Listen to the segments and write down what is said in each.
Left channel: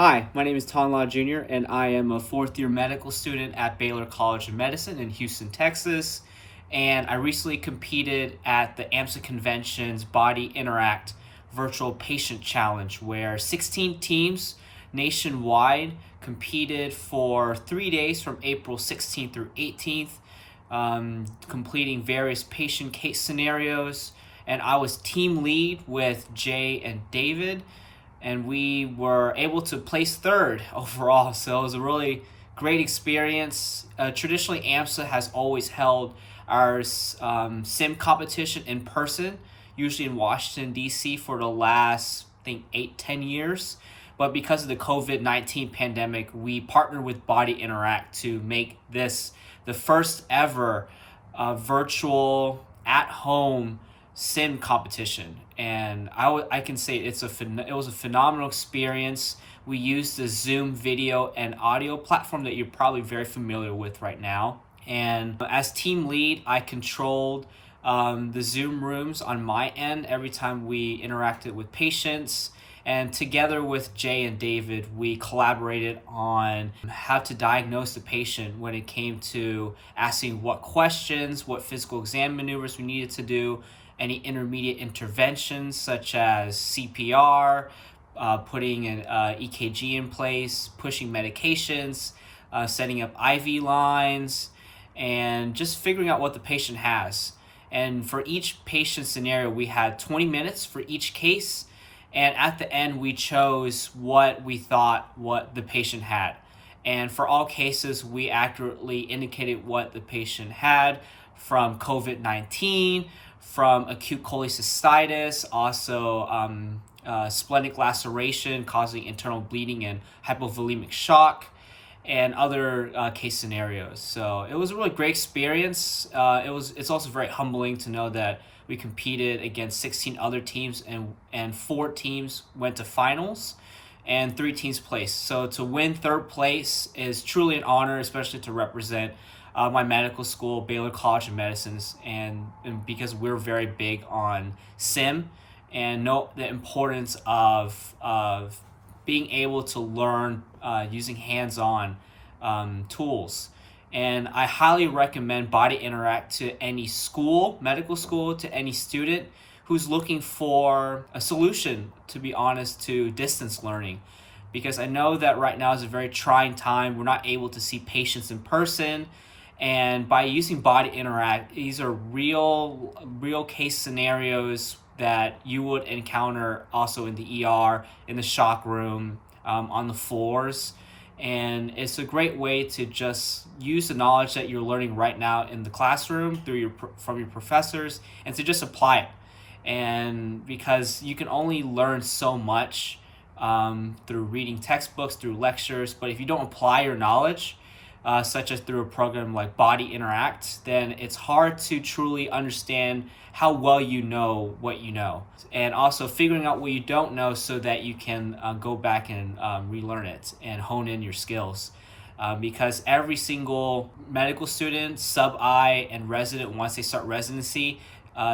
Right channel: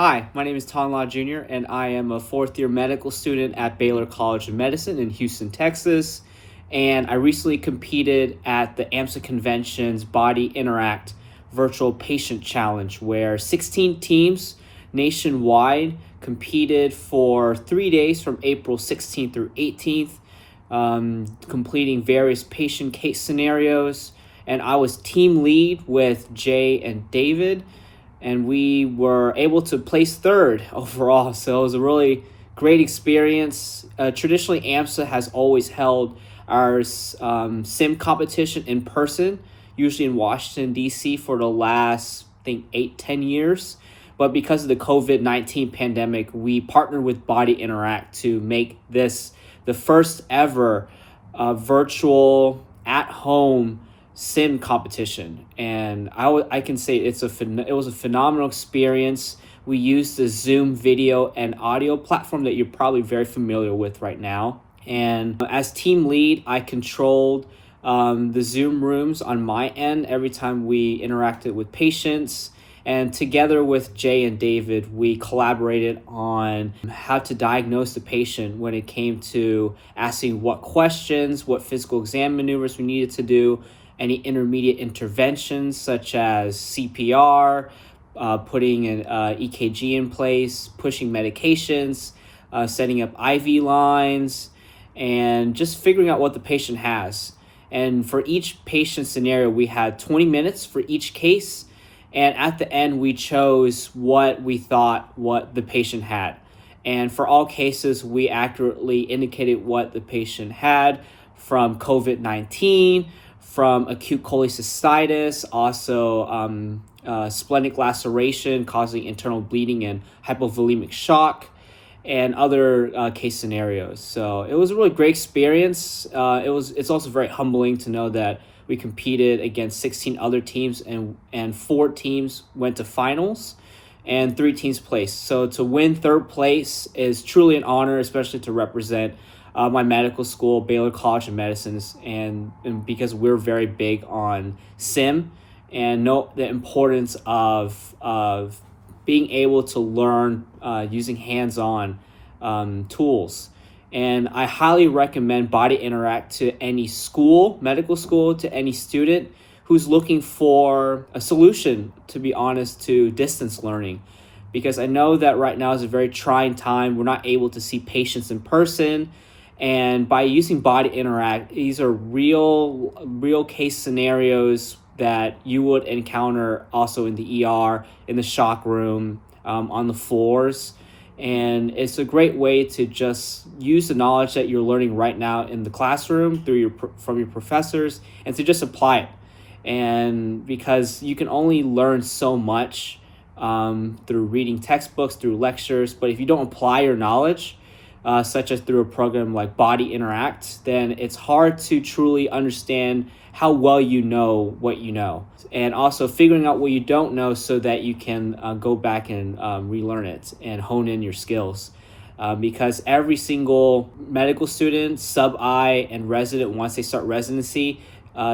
Hi, my name is Ton Law Jr., and I am a fourth-year medical student at Baylor College of Medicine in Houston, Texas. And I recently competed at the AMSA Convention's Body Interact Virtual Patient Challenge, where 16 teams nationwide competed for 3 days from April 16th through 18th, completing various patient case scenarios. And I was team lead with Jay and David, and we were able to place third overall. So it was a really great experience. Traditionally, AMSA has always held our sim competition in person, usually in Washington, D.C. for the last, I think, 8-10 years. But because of the COVID-19 pandemic, we partnered with Body Interact to make this the first ever virtual at-home sim competition. And I can say it was a phenomenal experience. We used the Zoom video and audio platform that you're probably very familiar with right now. And as team lead, I controlled the Zoom rooms on my end every time we interacted with patients. And together with Jay and David, we collaborated on how to diagnose the patient when it came to asking what questions, what physical exam maneuvers we needed to do, any intermediate interventions such as CPR, putting an EKG in place, pushing medications, setting up IV lines, and just figuring out what the patient has. And for each patient scenario, we had 20 minutes for each case. And at the end, we chose what we thought what the patient had. And for all cases, we accurately indicated what the patient had, from COVID-19, from acute cholecystitis, also splenic laceration causing internal bleeding and hypovolemic shock, and other case scenarios. So it was a really great experience. It's also very humbling to know that we competed against 16 other teams, and 4 teams went to finals and 3 teams placed. So to win third place is truly an honor, especially to represent my medical school, Baylor College of Medicine, and because we're very big on sim and know the importance of being able to learn using hands-on tools. And I highly recommend Body Interact to any school, medical school, to any student who's looking for a solution, to be honest, to distance learning. Because I know that right now is a very trying time. We're not able to see patients in person. And by using Body Interact, these are real case scenarios that you would encounter also in the ER, in the shock room, on the floors. And it's a great way to just use the knowledge that you're learning right now in the classroom from your professors, and to just apply it. And because you can only learn so much through reading textbooks, through lectures, but if you don't apply your knowledge, such as through a program like Body Interact, then it's hard to truly understand how well you know what you know. And also figuring out what you don't know so that you can go back and relearn it and hone in your skills. Because every single medical student, sub-I, and resident, once they start residency,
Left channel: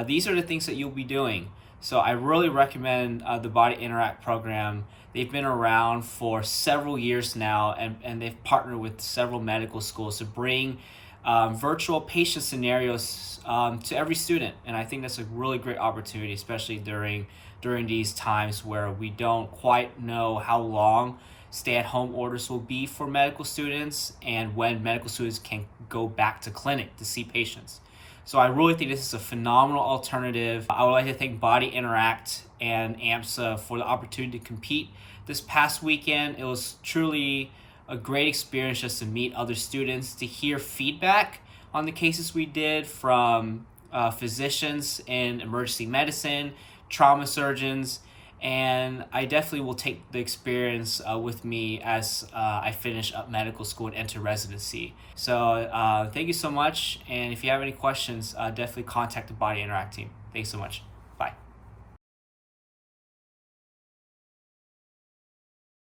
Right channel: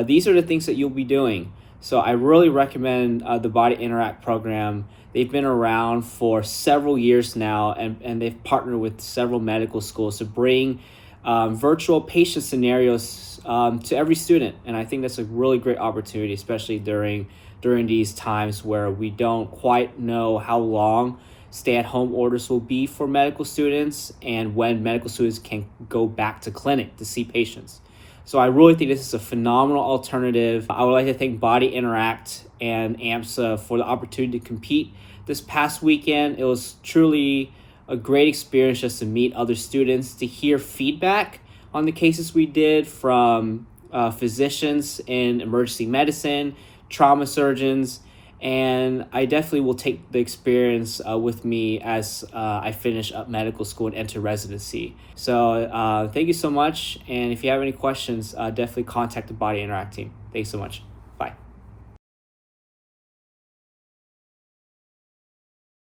these are the things that you'll be doing. So I really recommend the Body Interact program. They've been around for several years now, and they've partnered with several medical schools to bring virtual patient scenarios to every student. And I think that's a really great opportunity, especially during these times where we don't quite know how long stay-at-home orders will be for medical students and when medical students can go back to clinic to see patients. So I really think this is a phenomenal alternative. I would like to thank Body Interact and AMSA for the opportunity to compete this past weekend. It was truly a great experience just to meet other students, to hear feedback on the cases we did from physicians in emergency medicine, trauma surgeons, and I definitely will take the experience with me as I finish up medical school and enter residency. So thank you so much. And if you have any questions, definitely contact the Body Interact team. Thanks so much.